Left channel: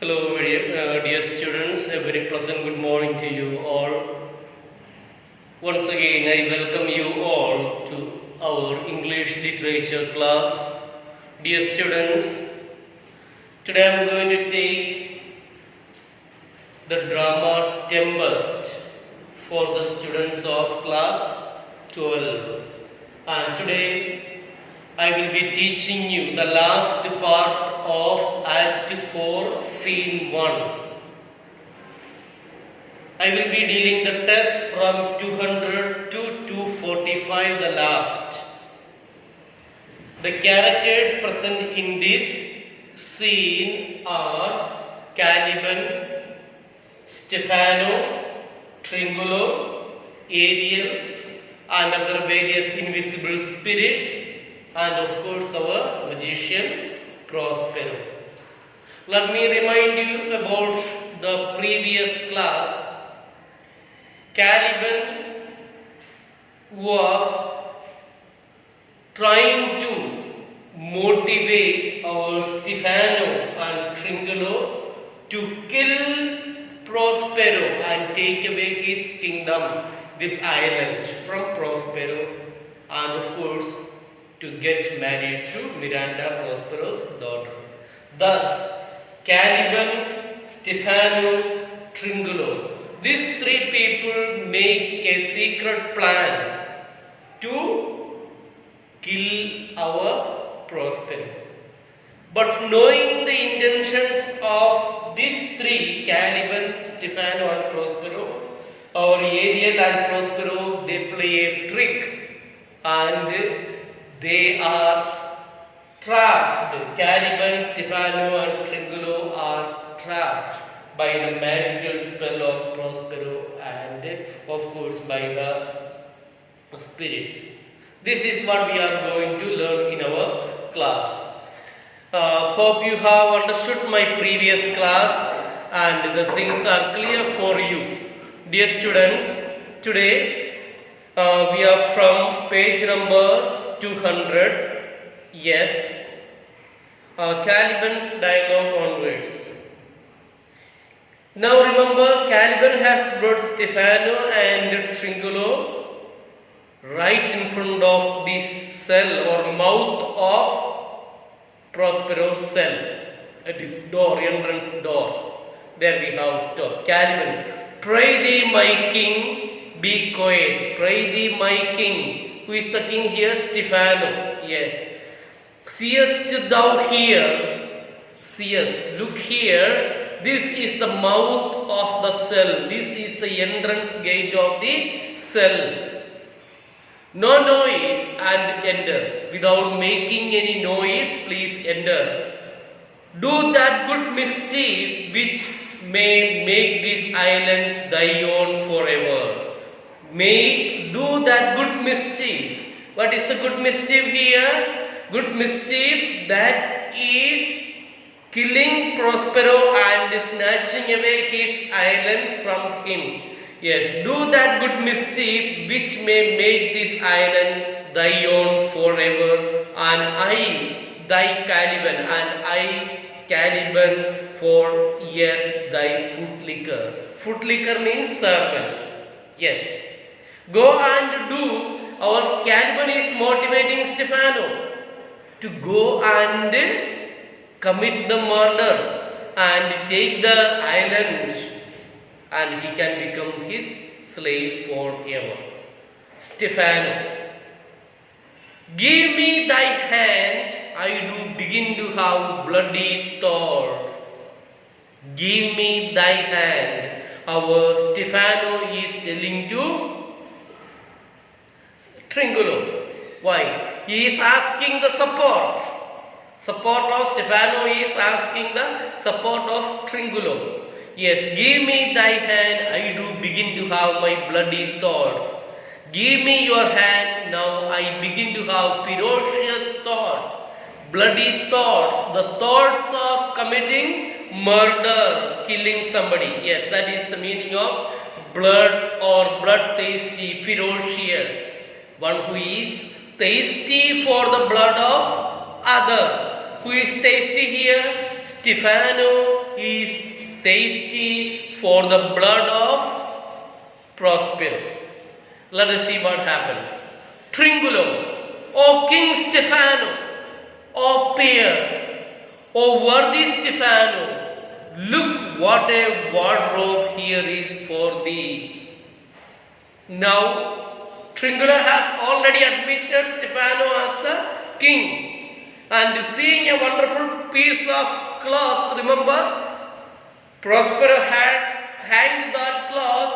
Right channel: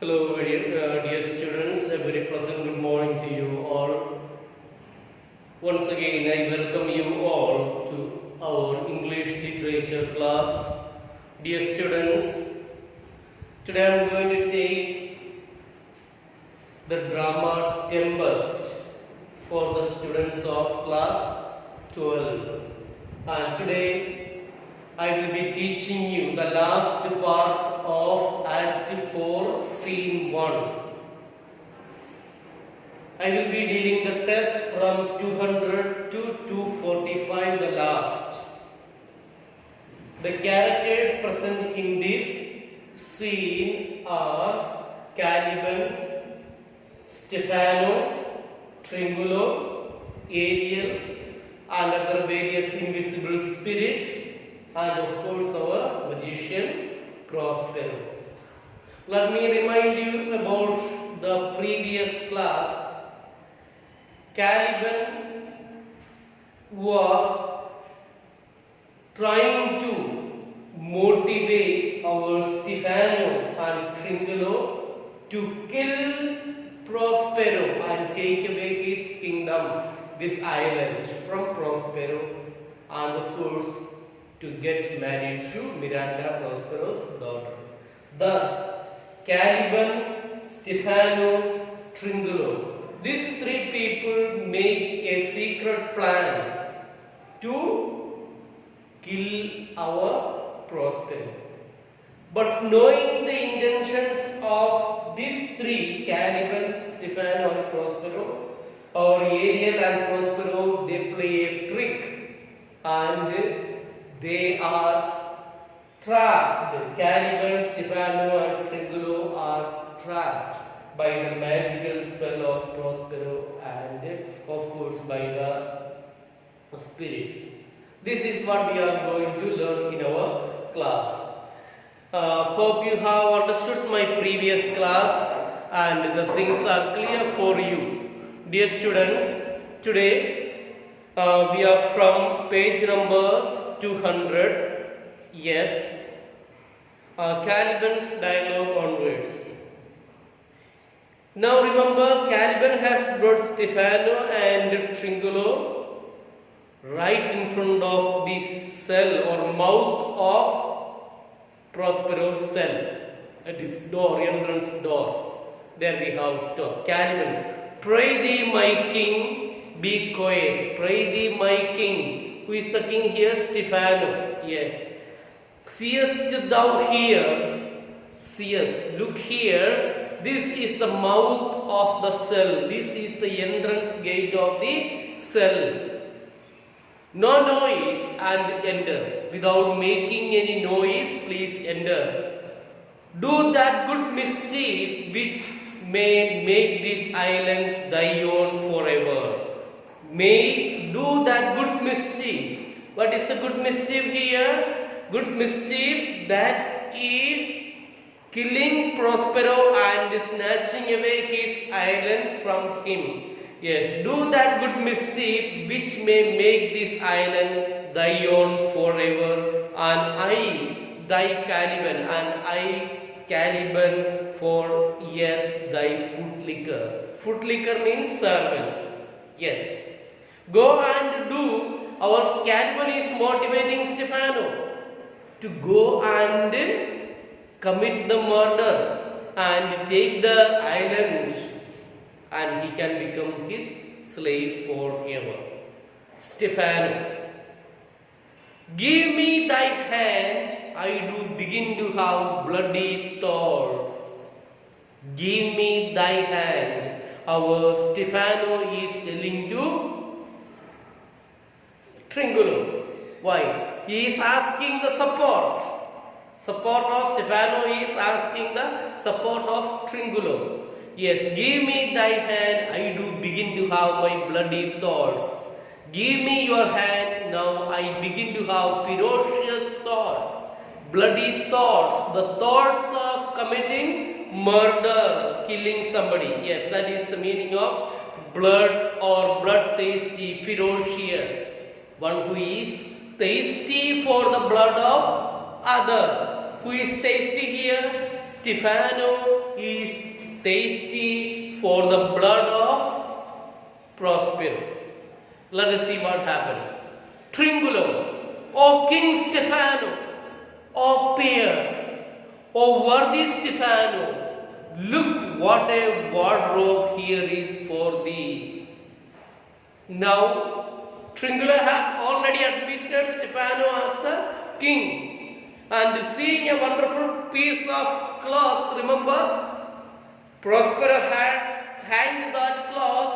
Hello, dear students. A very pleasant good morning to you all. Once again, I welcome you all to our English literature class. Dear students, today I am going to take the drama Tempest for the students of class 12. And today I will be teaching you the last part of Act 4, Scene 1. I will be dealing the test from 200 to 245, the last. The characters present in this scene are Caliban, Stefano, Tringulo, Ariel, and other various invisible spirits, and of course our magician Prospero. Let me remind you about the previous class. Caliban was trying to motivate our Stefano and Tringulo to kill Prospero and take away his kingdom, this island, from Prospero, and of course to get married to Miranda, Prospero's daughter. Thus, Caliban, Stefano, Tringulo, these three people make a secret plan to kill our Prospero. But knowing the intentions of these three, Caliban, Stefano and Prospero, or Ariel and Prospero, they play a trick and they are trapped. Caliban, Stefano and Tringulo are trapped by the magical spell of Prospero and of course by the spirits. This is what we are going to learn in our class. Hope you have understood my previous class and the things are clear for you. Dear students, today we are from page number 200, yes, Caliban's dialogue onwards. Now remember, Caliban has brought Stefano and Tringulo right in front of the cell or mouth of Prospero's cell. At his door, entrance door. There we have stop. Caliban, pray thee, my king, be quiet. Pray thee, my king. Who is the king here? Stefano. Yes. Seest thou here? Seest. Look here. This is the mouth of the cell. This is the entrance gate of the cell. No noise and enter. Without making any noise, please enter. Do that good mischief which may make this island thy own forever. Do that good mischief. What is the good mischief here? Good mischief that is killing Prospero and snatching away his island from him. Yes, do that good mischief which may make this island thy own forever, and I, thy Caliban, and I, Caliban, for yes, thy footlicker. Footlicker means servant. Yes. Go and do. Our Caliban is motivating Stefano to go and commit the murder and take the island, and he can become his slave forever. Stefano, give me thy hand, I do begin to have bloody thoughts. Give me thy hand. Our Stefano is telling to Tringulo. Why? He is asking the support. Support of Stefano is asking the support of Tringulo. Yes, give me thy hand, I do begin to have my bloody thoughts. Give me your hand, now I begin to have ferocious thoughts. Bloody thoughts, the thoughts of committing murder, killing somebody. Yes, that is the meaning of blood or blood-thirsty, ferocious. One who is thirsty for the blood of other. Who is thirsty here? Stefano is thirsty for the blood of Prospero. Let us see what happens. Tringulo, O King Stefano, O peer, O worthy Stefano, look what a wardrobe here is for thee. Now, Tringulo has already admitted Stefano as the king, and seeing a wonderful piece of cloth, remember, Prospero had hanged that cloth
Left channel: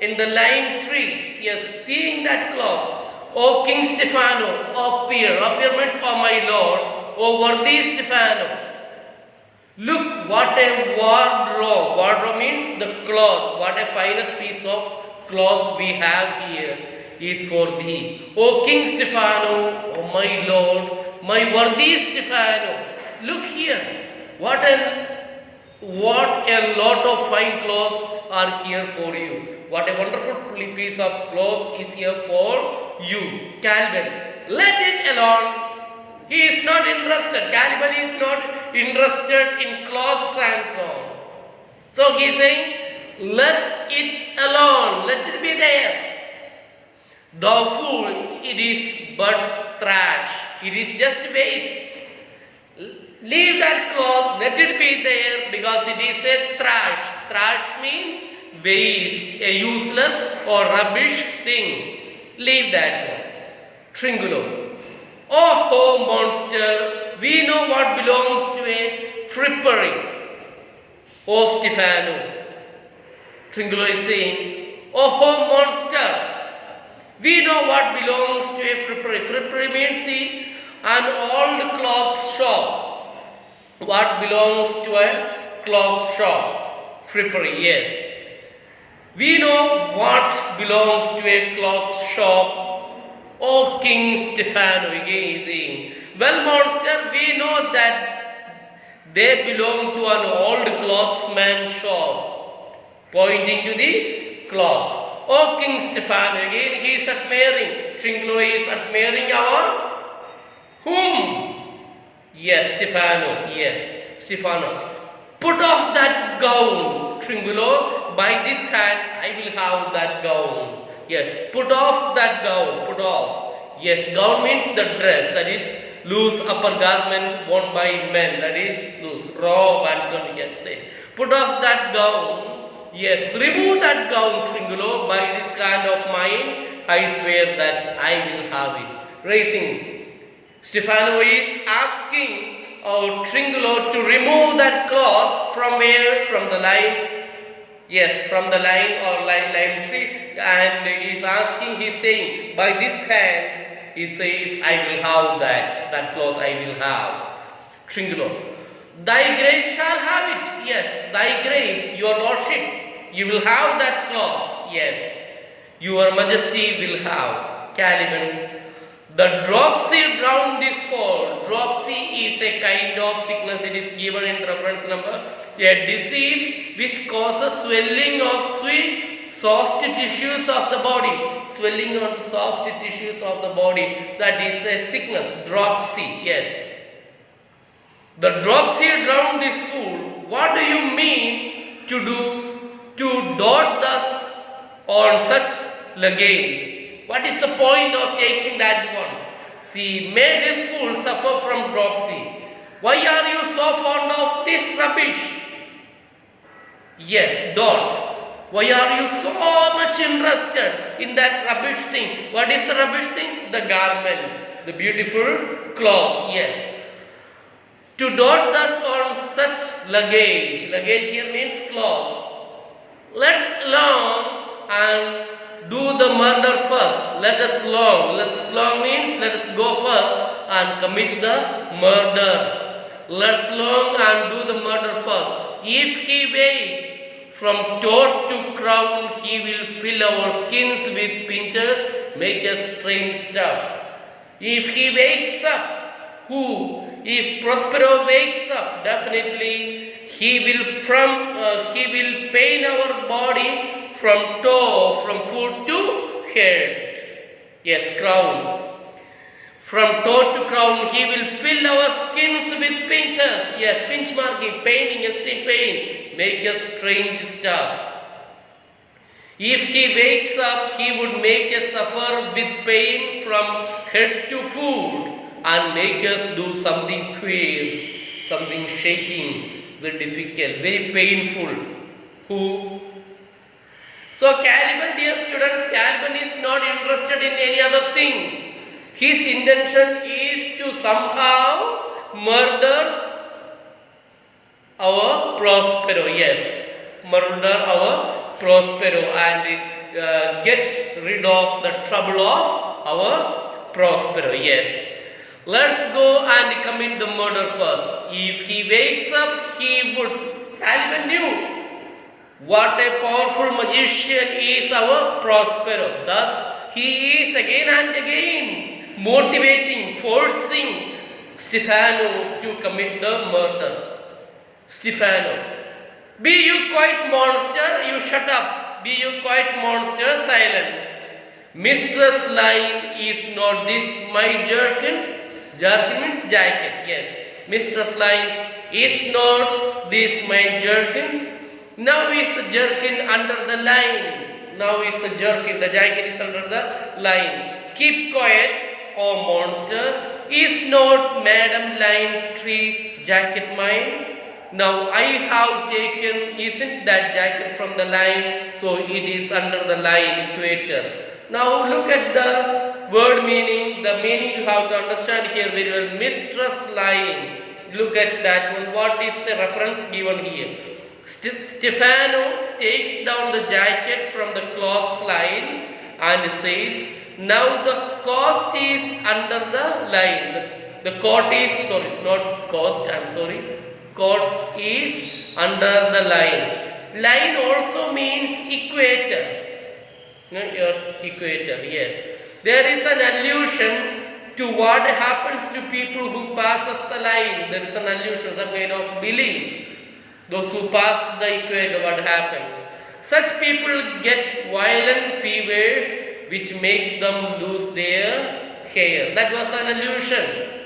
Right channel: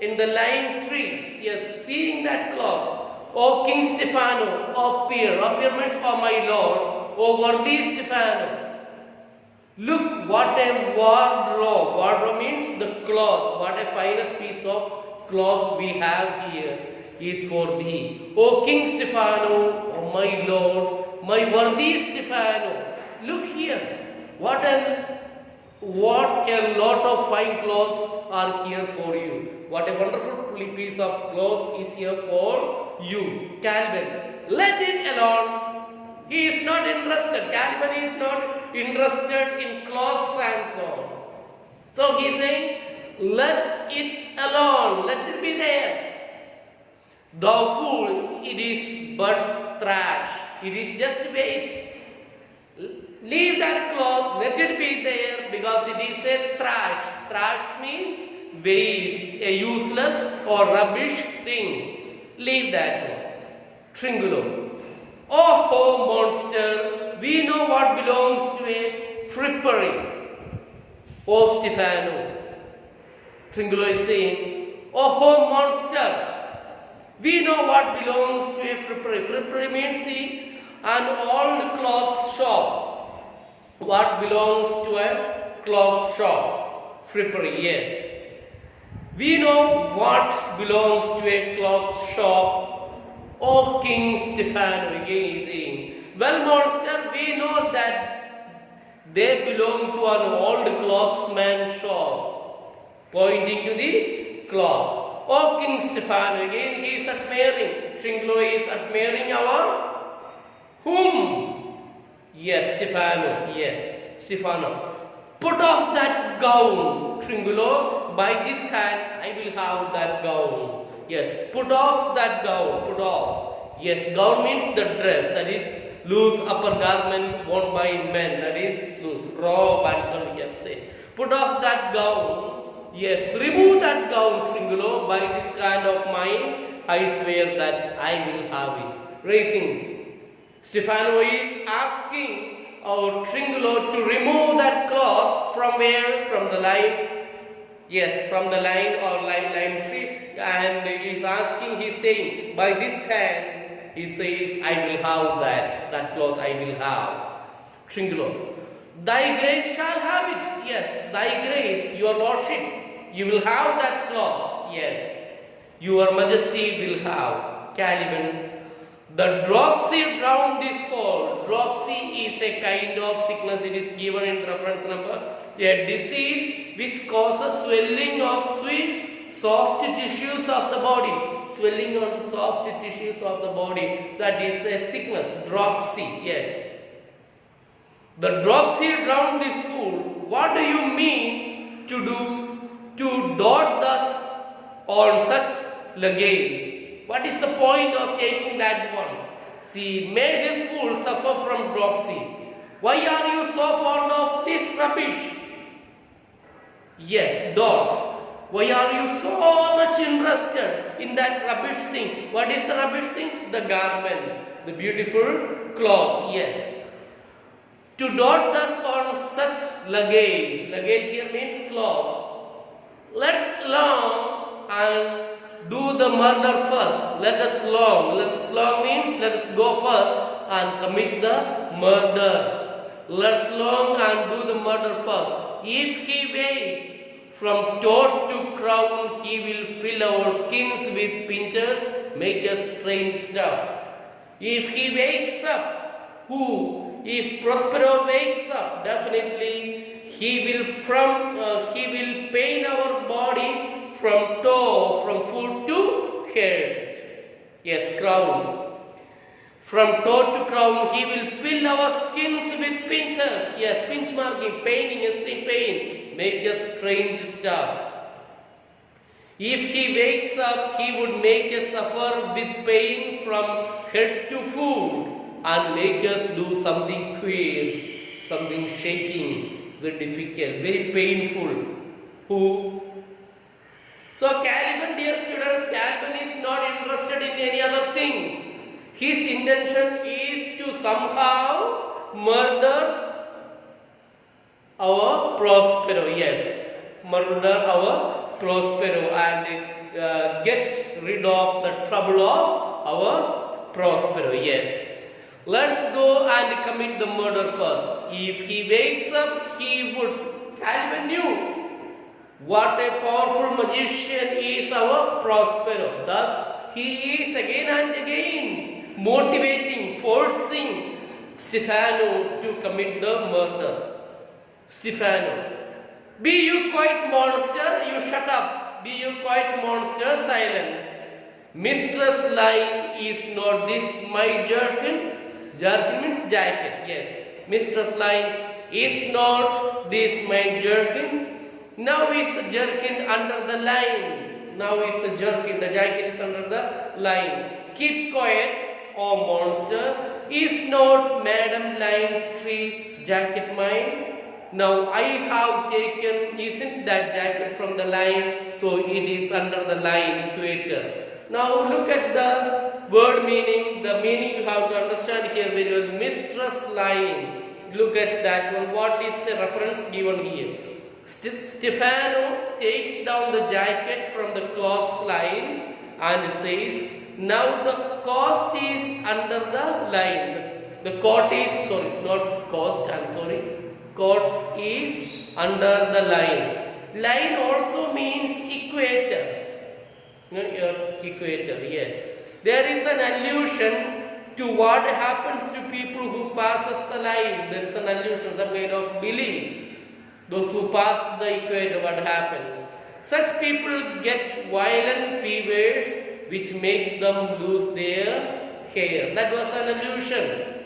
in the lime tree. Yes, seeing that cloth, O King Stefano, O peer means O my lord, O worthy Stefano, look what a wardrobe. Wardrobe means the cloth. What a finest piece of cloth we have here is for thee. O King Stefano, O my lord, my worthy Stefano, look here. What a lot of fine clothes are here for you. What a wonderful piece of cloth is here for you. Calvin, let it alone. He is not interested. Calvin is not interested in clothes and so on. So he is saying, let it alone. Let it be there. Thou fool, it is but trash. It is just waste. Leave that cloth, let it be there, because it is a trash. Trash means waste, a useless or rubbish thing. Leave that one. Tringulo. Oh, monster, we know what belongs to a frippery. Oh, Stefano. Tringulo is saying, oh, monster, we know what belongs to a frippery. Frippery means, see, an old clothes shop. What belongs to a cloth shop? Frippery, yes. We know what belongs to a cloth shop. O King Stefano, again is saying, well, monster, we know that they belong to an old clothsman shop, pointing to the cloth. O King Stefano, again he is admiring. Tringulo is admiring our whom? Yes, Stefano. Yes, Stefano. Put off that gown, Tringulo. By this hand, I will have that gown. Yes, put off that gown. Put off. Yes, gown means the dress. That is loose upper garment worn by men. That is loose. Robe and so on we can say. Put off that gown. Yes, remove that gown, Tringulo. By this hand of mine, I swear that I will have it. Raising. Stefano is asking Tringulo to remove that cloth from where? From the lime. Yes, from the lime or lime tree. And he is asking, he is saying, by this hand, he says, I will have that cloth I will have. Tringulo, thy grace shall have it. Yes, thy grace, your lordship, you will have that cloth. Yes, your majesty will have. Caliban, the dropsy drowned this fall. Dropsy is a kind of sickness. It is given in reference number. A disease which causes swelling of soft tissues of the body. Swelling on soft tissues of the body. That is a sickness. Dropsy. Yes. The dropsy drowned this fool. What do you mean to do? To dot thus on such luggage? What is the point of taking that one? See, may this fool suffer from dropsy. Why are you so fond of this rubbish? Yes, dot. Why are you so much interested in that rubbish thing? What is the rubbish thing? The garment, the beautiful cloth, yes. To dot thus on such luggage. Luggage here means cloth. Let's along and do the murder first. Let us long means let us go first and commit the murder. Let's long and do the murder first. If he wait from toad to crown, he will fill our skins with pincers, make us strange stuff. If he wakes up, who? If Prospero wakes up, definitely he will pain our body from toe, from foot to head. Yes, crown. From toe to crown, he will fill our skins with pinches. Yes, pinch marking, paining, esteem pain, make us strange stuff. If he wakes up, he would make us suffer with pain from head to foot and make us do something queer, something shaking, very difficult, very painful. Who? So Caliban, dear students, Caliban is not interested in any other things. His intention is to somehow murder our Prospero. Yes, murder our Prospero and get rid of the trouble of our Prospero. Yes. Let's go and commit the murder first. If he wakes up, he would. Caliban knew what a powerful magician is our Prospero. Thus, he is again and again motivating, forcing Stefano to commit the murder. Stefano, be you quiet, monster, you shut up. Be you quiet, monster, silence. Mistress Line, is not this my jerkin? Jerkin means jacket, yes. Mistress Line, is not this my jerkin? Now is the jerkin under the line. Now is the jerkin, the jacket is under the line. Keep quiet, O monster. Is not Madam Line tree jacket mine? Now I have taken, isn't that jacket from the line, so it is under the line, equator. Now look at the word meaning. The meaning you have to understand here very well. Mistress Line. Look at that one. What is the reference given here? Stefano takes down the jacket from the cloths line and says, now the cost is under the line. The coat is, sorry, not cost, I am sorry. Coat is under the line. Line also means equator. Equator, yes. There is an allusion to what happens to people who passes the line. There is an allusion, some kind of belief. Those who pass the equator, what happens? Such people get violent fevers which makes them lose their hair. That was an allusion.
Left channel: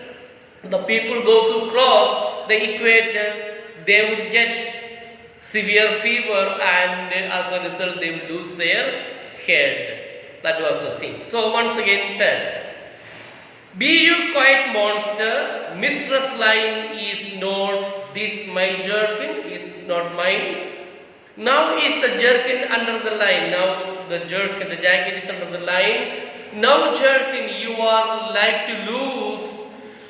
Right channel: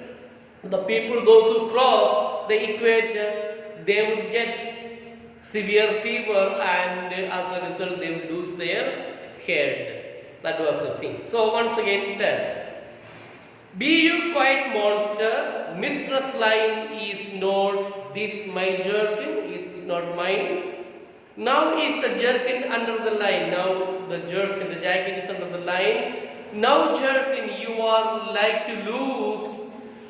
The people, those who cross the equator, they would get severe fever and as a result they would lose their head. That was the thing. So once again, test. Be you quiet, monster. Mistress Line is not this my jerkin, is not mine. Now is the jerkin under the line. Now the jerkin, the jacket is under the line. Now jerkin, you are like to lose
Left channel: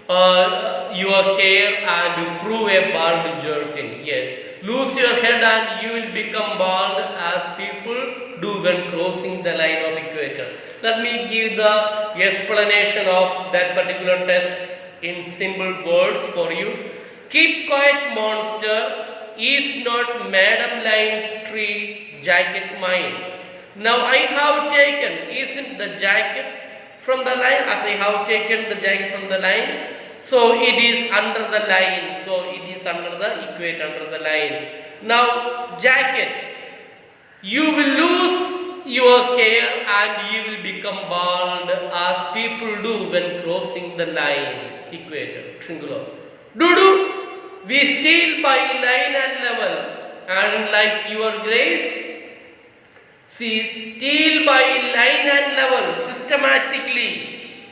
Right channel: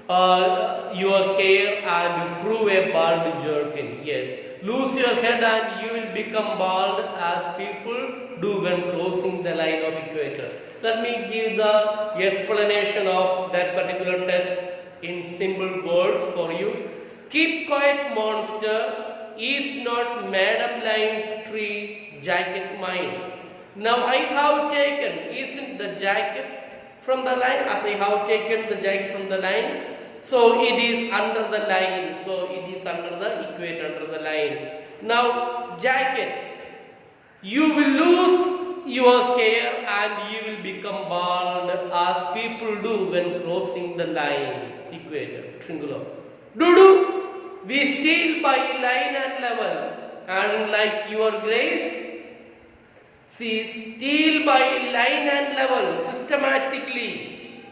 your hair and prove a bald jerkin. Yes. Lose your head and you will become bald as people do when crossing the line of equator. Let me give the explanation of that particular test in simple words for you. Keep quiet, monster. Is not Madam Line tree jacket mine? Now I have taken, isn't the jacket from the line? As I have taken the jacket from the line, so it is under the line. So it is under the equator, under the line. Now jacket, you will lose your hair and you will become bald as people do when crossing the line, equator, triangular. Do. We steal by line and level, and like your grace, see, steal by line and level systematically.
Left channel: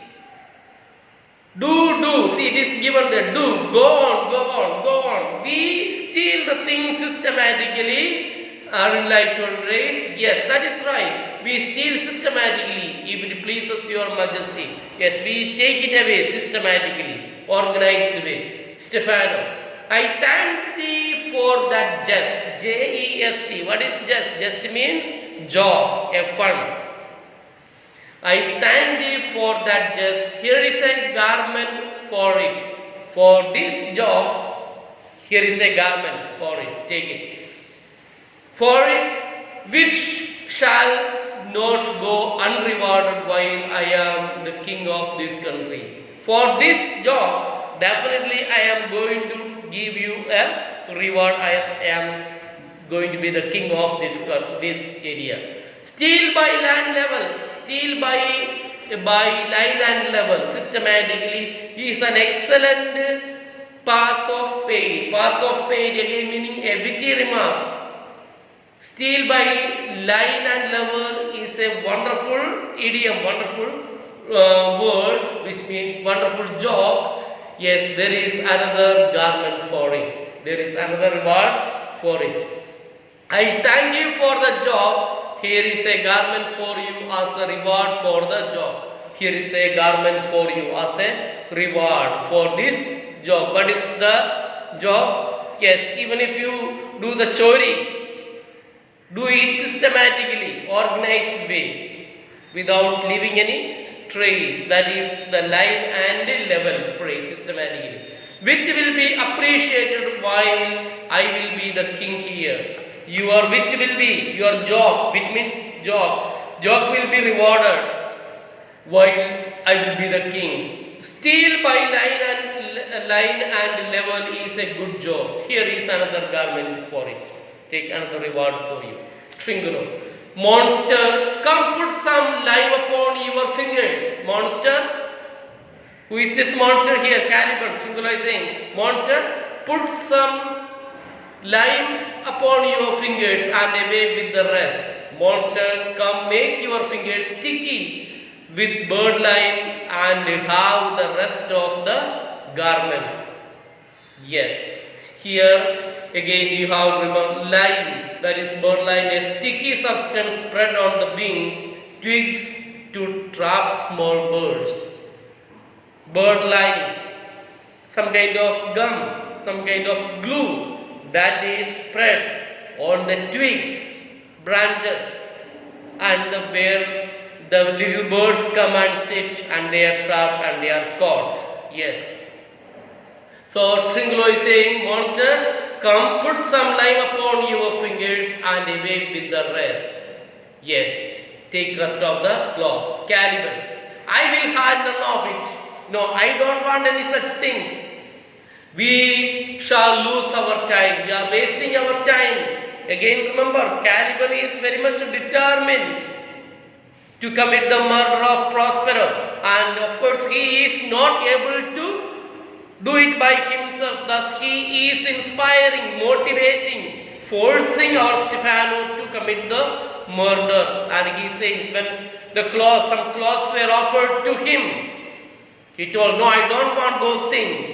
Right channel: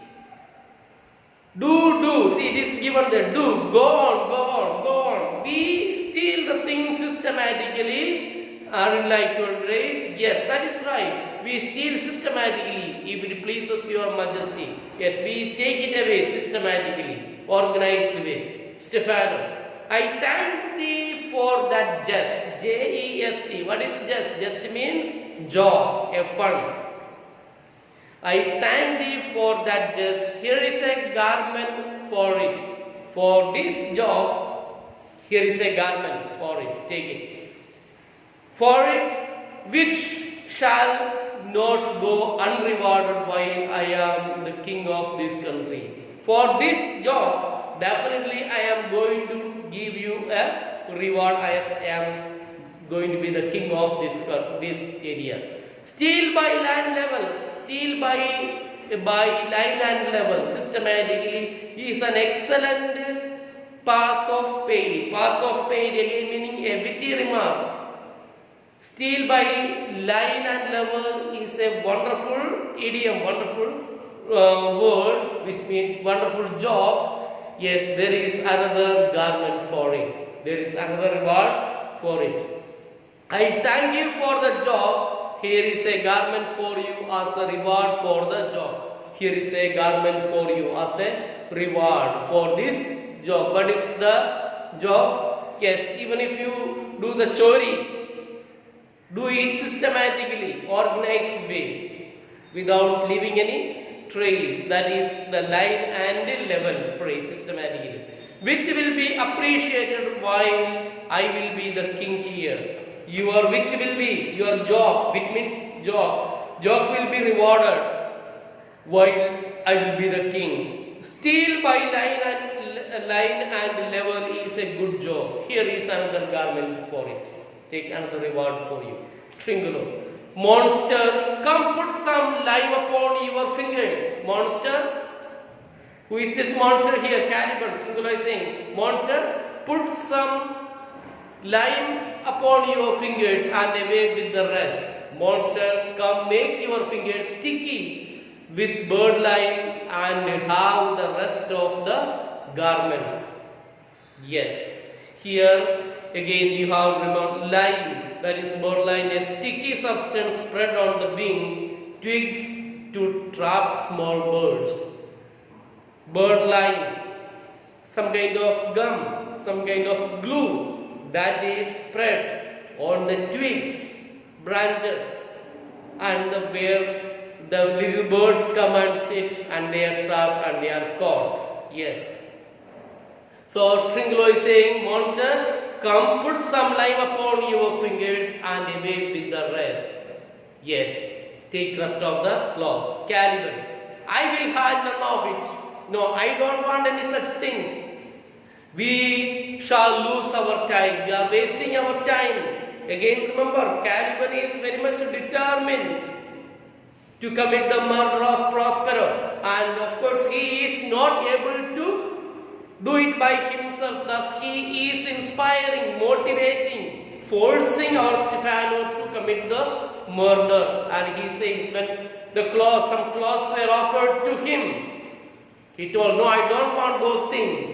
Do, see, it is given there. Do, go on. We steal the thing systematically, and like your grace, yes, that is right. We steal systematically if it pleases your majesty. Yes, we take it away systematically, organized way. Stefano, I thank thee for that jest. Jest. What is jest? Jest means job, a fun. I thank thee for that jest. Here is a garment for it. For this job, here is a garment for it. Take it. For it, which shall not go unrewarded while I am the king of this country. For this job, definitely I am going to give you a reward as I am going to be the king of this area. Steal by land level, steal by line and level systematically. He is an excellent pass of paid. Pass of paid again meaning a witty remark. Steal by line and level is a wonderful idiom, wonderful word, which means wonderful job. Yes, there is another garment for it. There is another reward for it. I thank you for the job. Here is a garment for you as a reward for the job. Here is a garment for you as a reward for this job. What is the job? Yes, even if you do the chori, do it systematically, organized way, without leaving any trace. That is the line and level phrase systematically. Wit will be appreciated while I will be the king here. Your wit will be your job. Wit means job. Job will be rewarded while I will be the king. Steal by line and level is a good job. Here is another garment for it. Take another reward for you. Tringulo. Monster, come put some lime upon your fingers. Monster. Who is this monster here? Caliban. Tringulo is saying, monster, put some lime upon your fingers and away with the rest. Monster, come make your fingers sticky with bird lime and have the rest of the garments. Yes. Here again you have remember lime, that is bird lime, a sticky substance spread on the wing twigs to trap small birds. Bird lime, some kind of gum, some kind of glue that is spread on the twigs, branches, and where the little birds come and sit and they are trapped and they are caught. Yes. So Tringulo is saying, monster, come put some lime upon your fingers and away with the rest. Yes, take rest of the cloths. Caliban, I will have none of it. No, I don't want any such things. We shall lose our time. We are wasting our time. Again, remember, Caliban is very much determined to commit the murder of Prospero, and of course, he is not able to do it by himself. Thus, he is inspiring, motivating, forcing our Stefano to commit the murder. And he says, when some clothes were offered to him, he told, no, I don't want those things.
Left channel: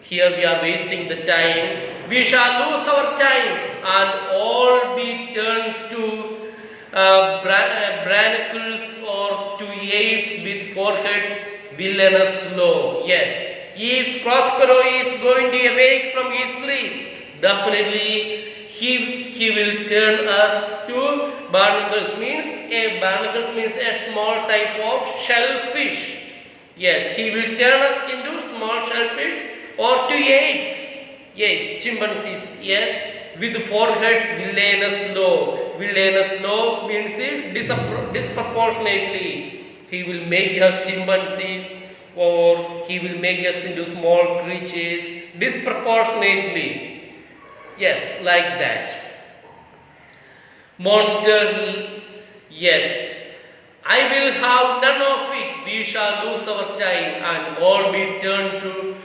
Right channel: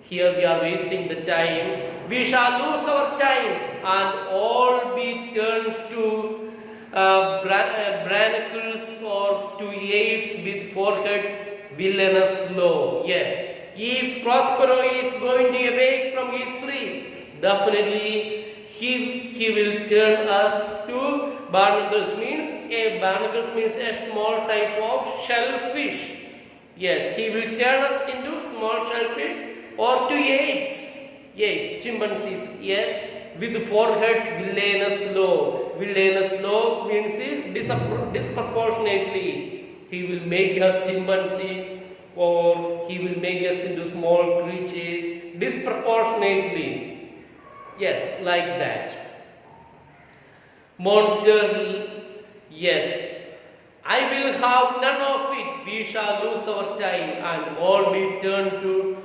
Here we are wasting the time. We shall lose our time and all be turned to branacles or to aids with foreheads villainous low. Yes. If Prospero is going to awake from his sleep, definitely he will turn us to barnacles. Barnacles means a small type of shellfish. Yes, he will turn us into small shellfish or to apes. Yes, chimpanzees. Yes, with foreheads villainous low. Villainous low means disproportionately. He will make us chimpanzees, or he will make us into small creatures disproportionately. Yes, like that. Monster, yes. I will have none of it. We shall lose our time and all be turned to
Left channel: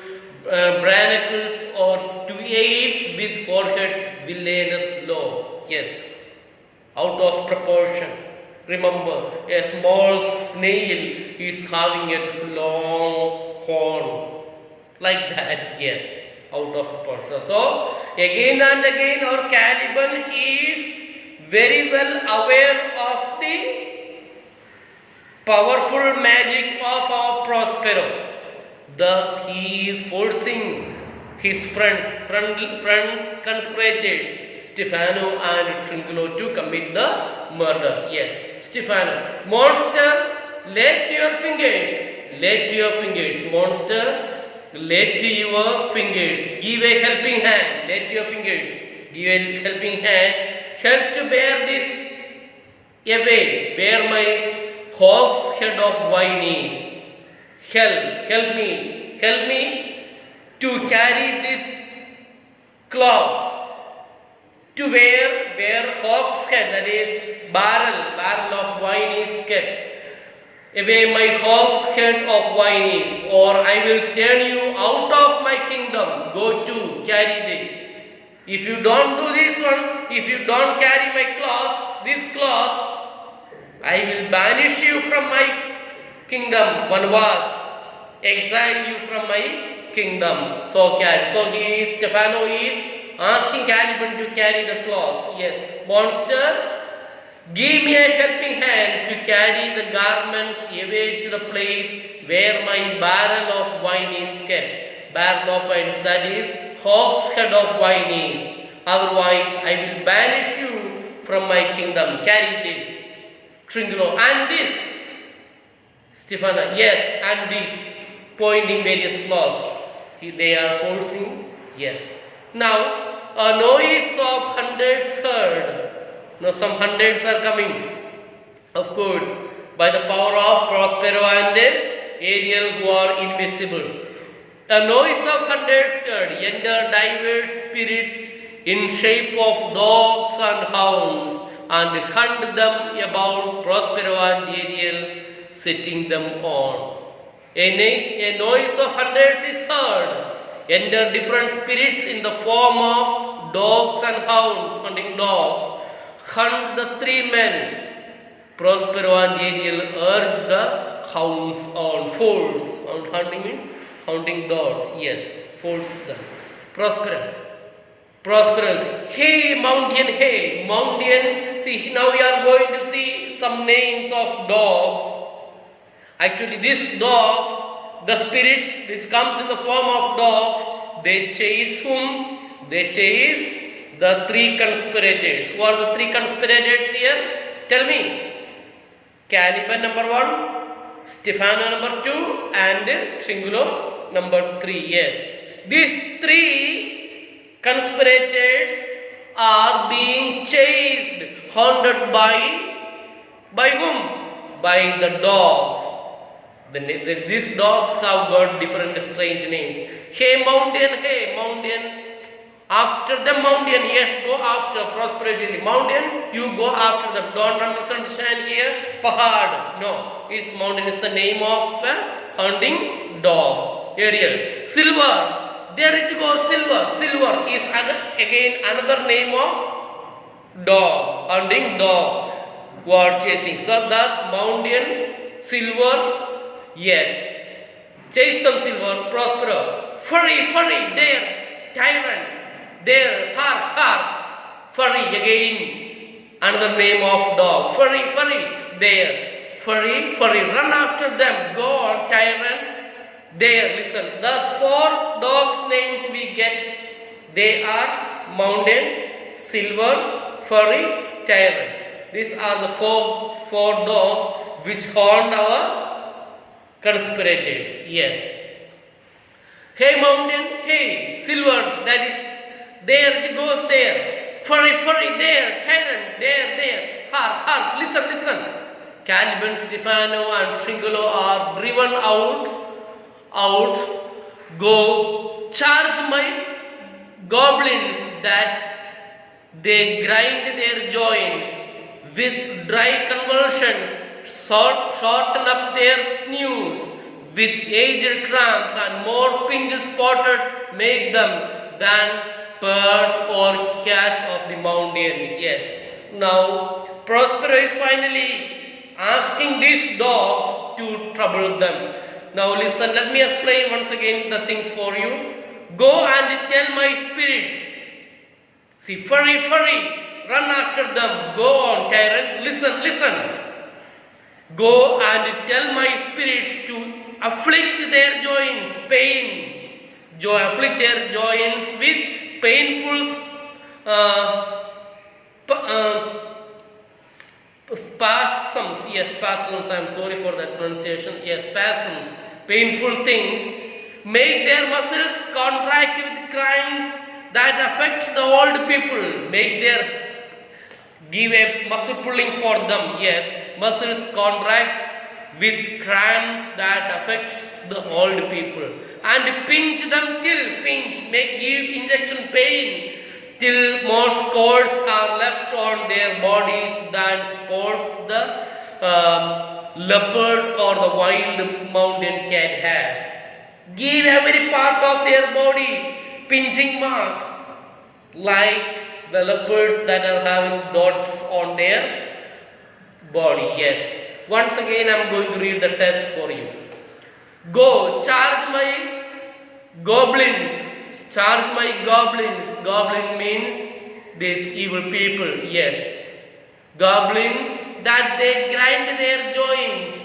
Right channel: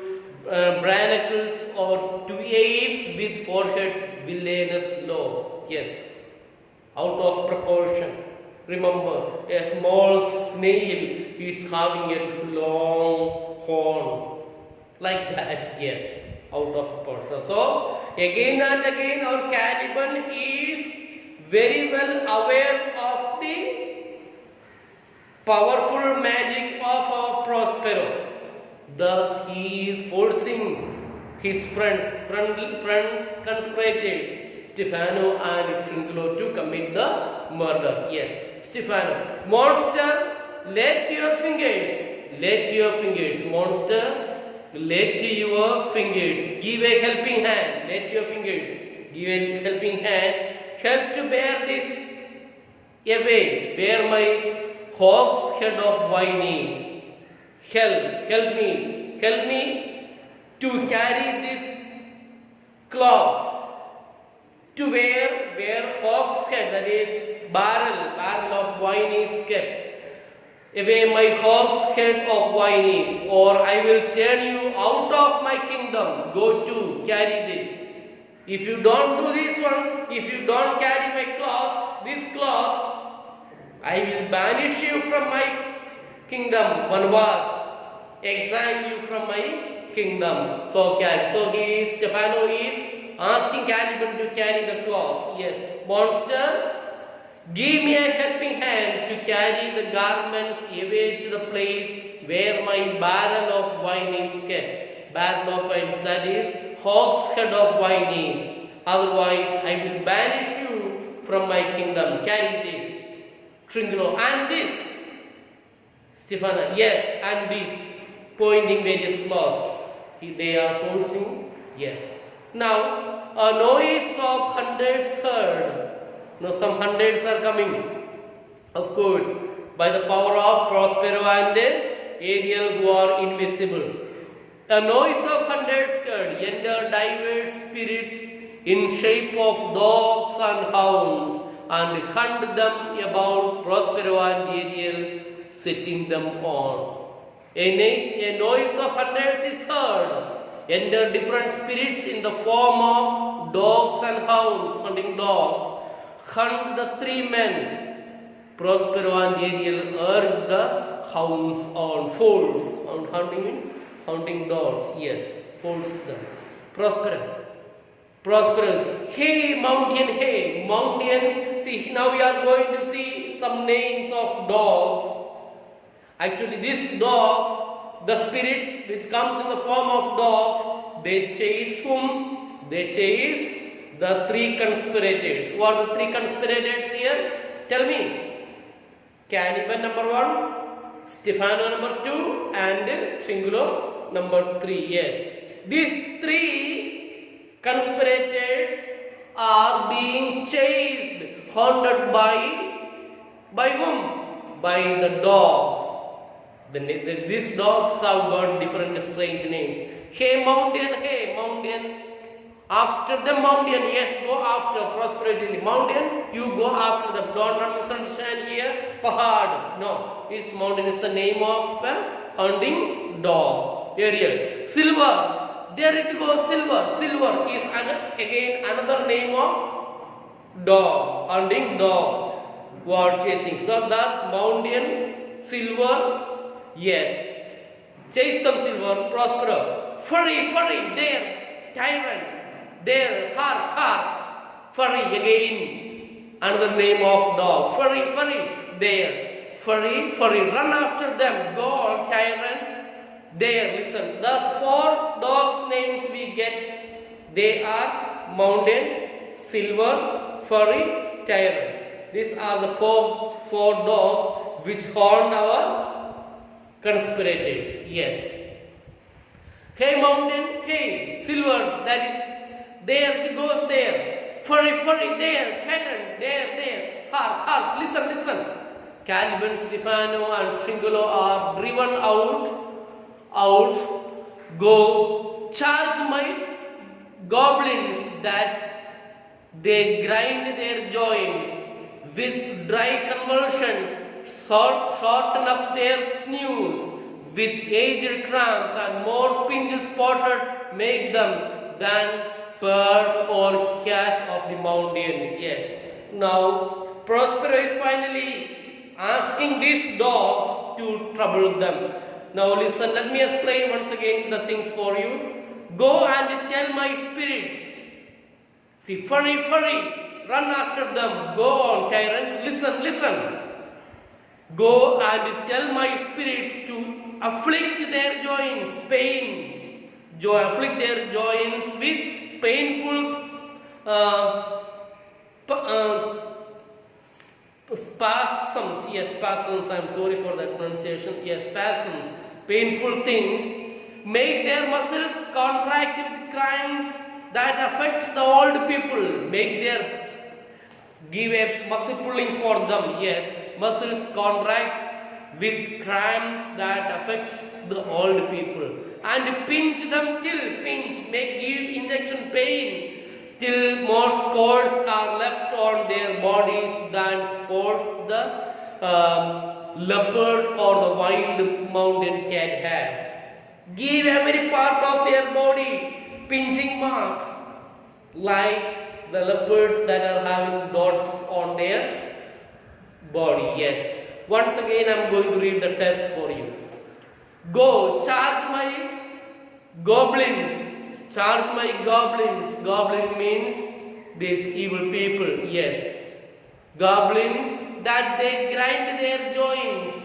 branacles or to apes with foreheads villainous low. Yes, out of proportion. Remember, a small snail is having a long horn. Like that, yes, out of proportion. So, again and again our Caliban is very well aware of the powerful magic of our Prospero. Thus, he is forcing his friends, conspirators, Stefano and Tringulo to commit the murder. Yes, Stefano. Monster, let your fingers, monster, let your fingers, give a helping hand, let your fingers, give a helping hand, help to bear this away, bear my hawk's head of wine is. Help me to carry this cloths to where hawk's head, that is barrel of wine is kept. away my hogshead of wine is, or I will turn you out of my kingdom. Go to carry this. If you don't do this one, if you don't carry my cloths, this cloth, I will banish you from my kingdom. One was exile you from my kingdom. So carry. So Stefano is asking Caliban to carry the cloths. Yes, monster, give me a helping hand to carry the garments away to the place where my barrel of wine is kept. Barrel of wine, that is, hogshead of wine is. Otherwise, I will banish you from my kingdom. Carry this. Tringulo, and this. Stefano, yes, and this. Pointing various cloths. They are forcing, yes. Now, a noise of hundreds heard. Now some hundreds are coming, of course, by the power of Prospero and Ariel, who are invisible. A noise of hundreds heard, enter diverse spirits in shape of dogs and hounds, and hunt them about Prospero and Ariel, setting them on. A noise of hundreds is heard, enter different spirits in the form of dogs and hounds, hunting dogs. Hunt the three men. Prospero and Ariel urge the hounds on. Force. Hunting means hunting dogs. Yes, force them. Prospero. Hey, mountain, hey, mountain. See, now we are going to see some names of dogs. Actually, these dogs, the spirits which comes in the form of dogs, they chase whom? They chase the three conspirators. Who are the three conspirators here? Tell me. Caliban number 1, Stefano number 2, and Tringulo number 3. Yes. These three conspirators are being chased, hunted by whom? By the dogs. These dogs have got different strange names. Hey mountain. After the mountain, yes, go after prosperity. Mountain, you go after them. Don't misunderstand here. Pahad. No, its mountain is the name of a hunting dog. Ariel. Silver. There it goes, silver. Silver is again another name of dog. Hunting dog. Who are chasing. So thus mountain, silver, yes. Chase them, silver, Prospero. Furry, there, tyrant. There, hark, furry again, another name of dog. Furry, there, furry, run after them. Go on, tyrant. There, listen. Thus, 4 dogs' names we get. They are mountain, silver, furry, tyrant. These are the four dogs which haunt our conspirators. Yes. Hey mountain, hey silver, that is. There it goes there. Furry, there. Tyrant, there. Hark, listen. Caliban, Stefano and Tringulo are driven out. Go charge my goblins that they grind their joints with dry convulsions, shorten up their sinews with aged cramps, and more pink spotted make them than bird or cat of the mountain. Yes. Now, Prospero is finally asking these dogs to trouble them. Now listen, let me explain once again the things for you. Go and tell my spirits. See, furry, run after them. Go on, tyrant. Listen. Go and tell my spirits to afflict their joints, afflict their joints with painful spasms. Yes, spasms. I am sorry for that pronunciation. Yes, spasms. Painful things. Make their muscles contract with crimes that affect the old people. Give a muscle pulling for them. Yes, muscles contract with crimes that affect the old people, and pinch them give injection pain till more scores are left on their bodies than supports the leopard or the wild mountain cat has. Give every part of their body pinching marks, like the leopards that are having dots on their body. Yes. Once again, I am going to read the test for you. Go, charge my goblins. Charge my goblins. Goblin means these evil people. Yes. Goblins that they grind their joints.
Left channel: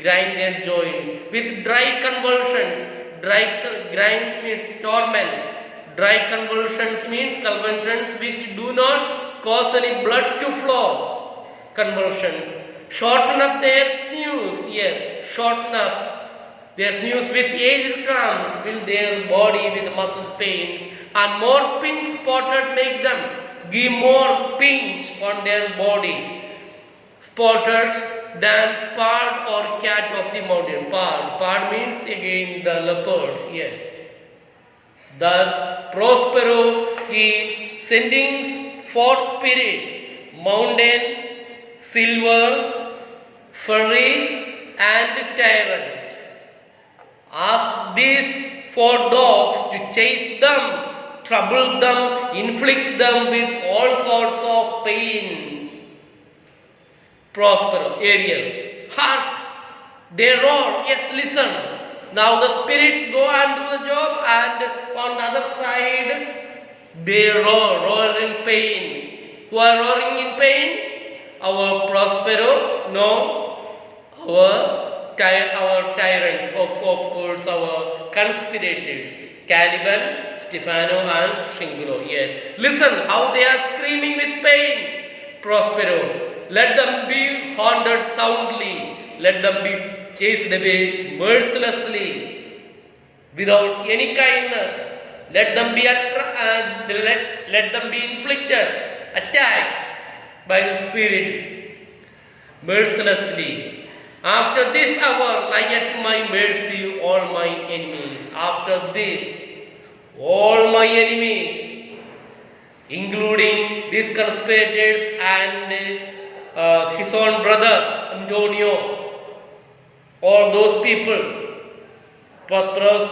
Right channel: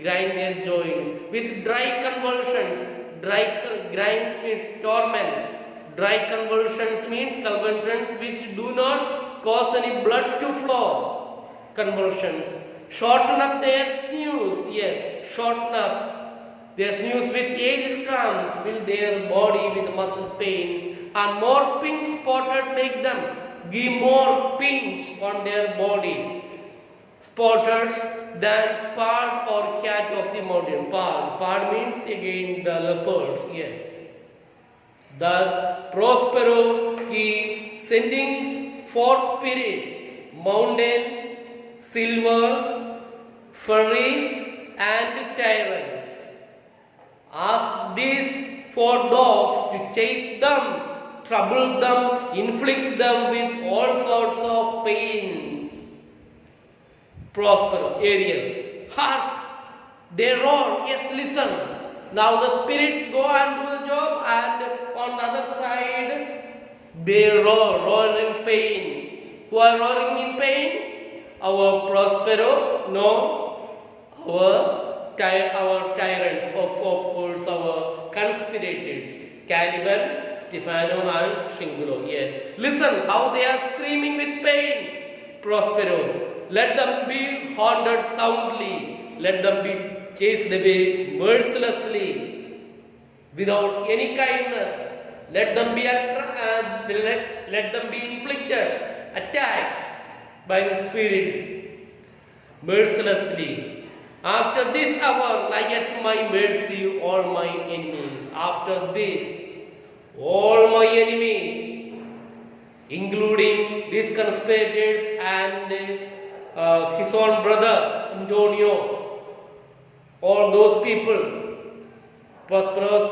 Grind their joints with dry convulsions. Grind means torment. Dry convulsions means convulsions which do not cause any blood to flow. Convulsions. Shorten up their snooze. Yes, shorten up their snooze with aged cramps. Fill their body with muscle pains. And more pink spotted make them. Give more pinch on their body. Spotters than pard or cat of the mountain. Pard means again the leopard. Yes. Thus, Prospero is sending 4 spirits: mountain, silver, furry, and tyrant. Ask these 4 dogs to chase them, trouble them, inflict them with all sorts of pains. Prospero, Ariel, hark! They roar. Yes, listen. Now the spirits go and do the job, and on the other side they roar in pain. Who are roaring in pain? Our Prospero, no, our tyrants, of course, our conspirators, Caliban, Stefano, and Tringulo. Yes. Listen how they are screaming with pain. Prospero, let them be haunted soundly. Let them be chased away mercilessly, without any kindness. Let them be let them be inflicted, attacked by the spirits mercilessly. After this hour, lie at my mercy all my enemies. After this, all my enemies, including these conspirators and his own brother Antonio, all those people, prosperous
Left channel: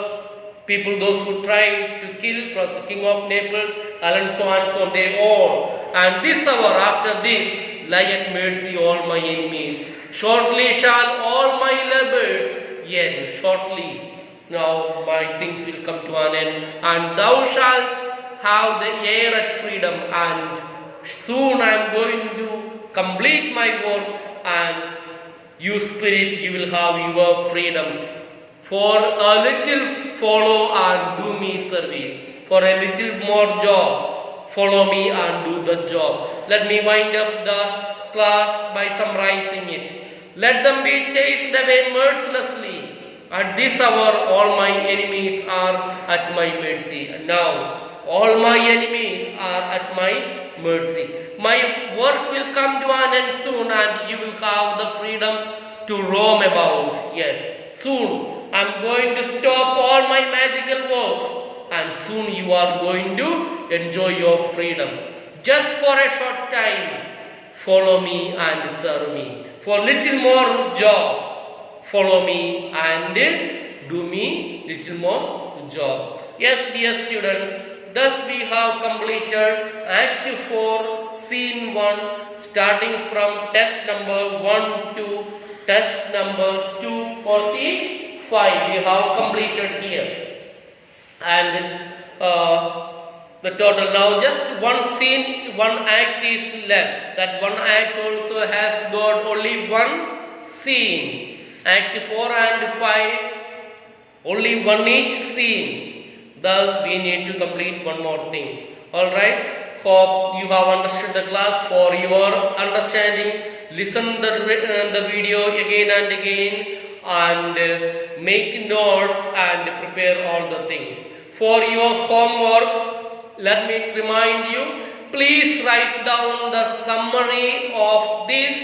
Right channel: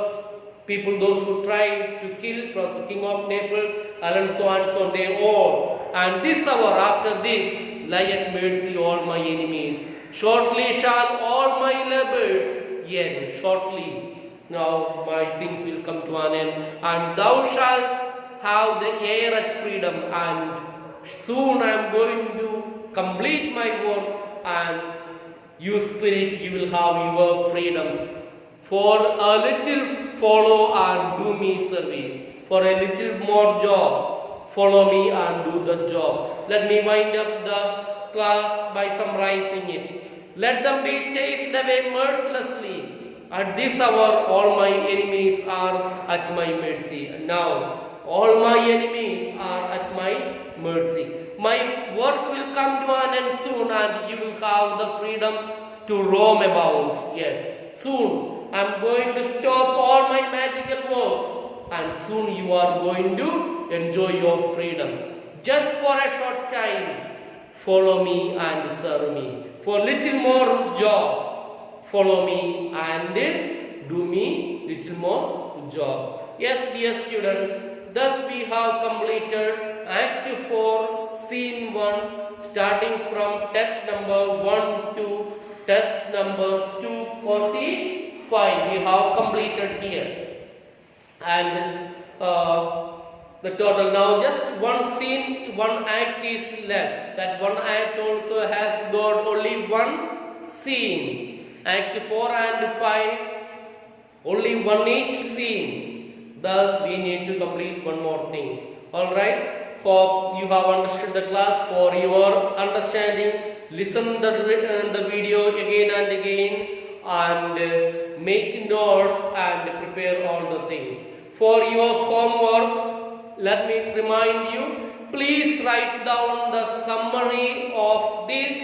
people, those who tried to kill King of Naples, Alonso and so on, they all. And this hour, after this, lie at mercy all my enemies. Shortly shall all my labors end. Shortly, now my things will come to an end, and thou shalt have the air at freedom. And soon I am going to complete my work, and you spirit, you will have your freedom. For a little follow and do me service. For a little more job, follow me and do the job. Let me wind up the class by summarizing it. Let them be chased away mercilessly. At this hour, all my enemies are at my mercy. And now, all my enemies are at my mercy. My work will come to an end soon, and you will have the freedom to roam about. Yes, soon I am going to stop all my magical works, and soon you are going to enjoy your freedom. Just for a short time, follow me and serve me. For little more job, follow me and do me little more job. Yes, dear students, thus we have completed Act 4, Scene 1, starting from test number 1 to test number 245. We have completed here. And the total, now just one scene, one act is left. That one act also has got only one scene. Act 4 and 5, only one each scene. Thus we need to complete one more thing. Alright, hope you have understood the class. For your understanding, listen the video again and again, and make notes and prepare all the things. For your homework, let me remind you, please write down the summary of this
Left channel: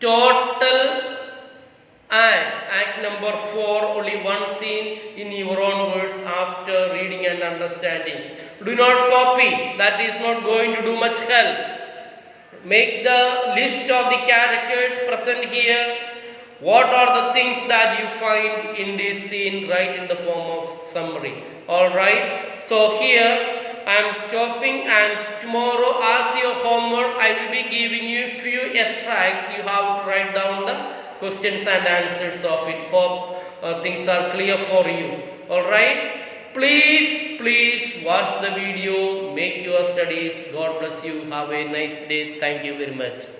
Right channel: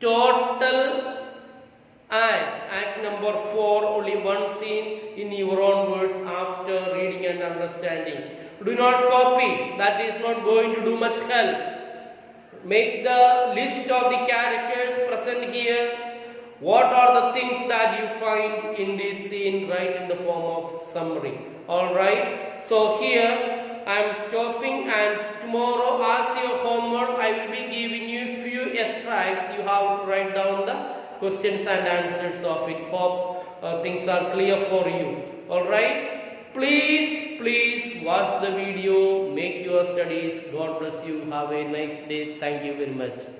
total act number 4, only one scene, in your own words after reading and understanding. Do not copy, that is not going to do much help. Make the list of the characters present here What are the things that you find in this scene? Write in the form of summary. Alright, so here I am stopping, and tomorrow as your homework I will be giving you few extracts. You have to write down the questions and answers of it. Hope things are clear for you. Alright, please watch the video, make your studies. God bless you. Have a nice day. Thank you very much.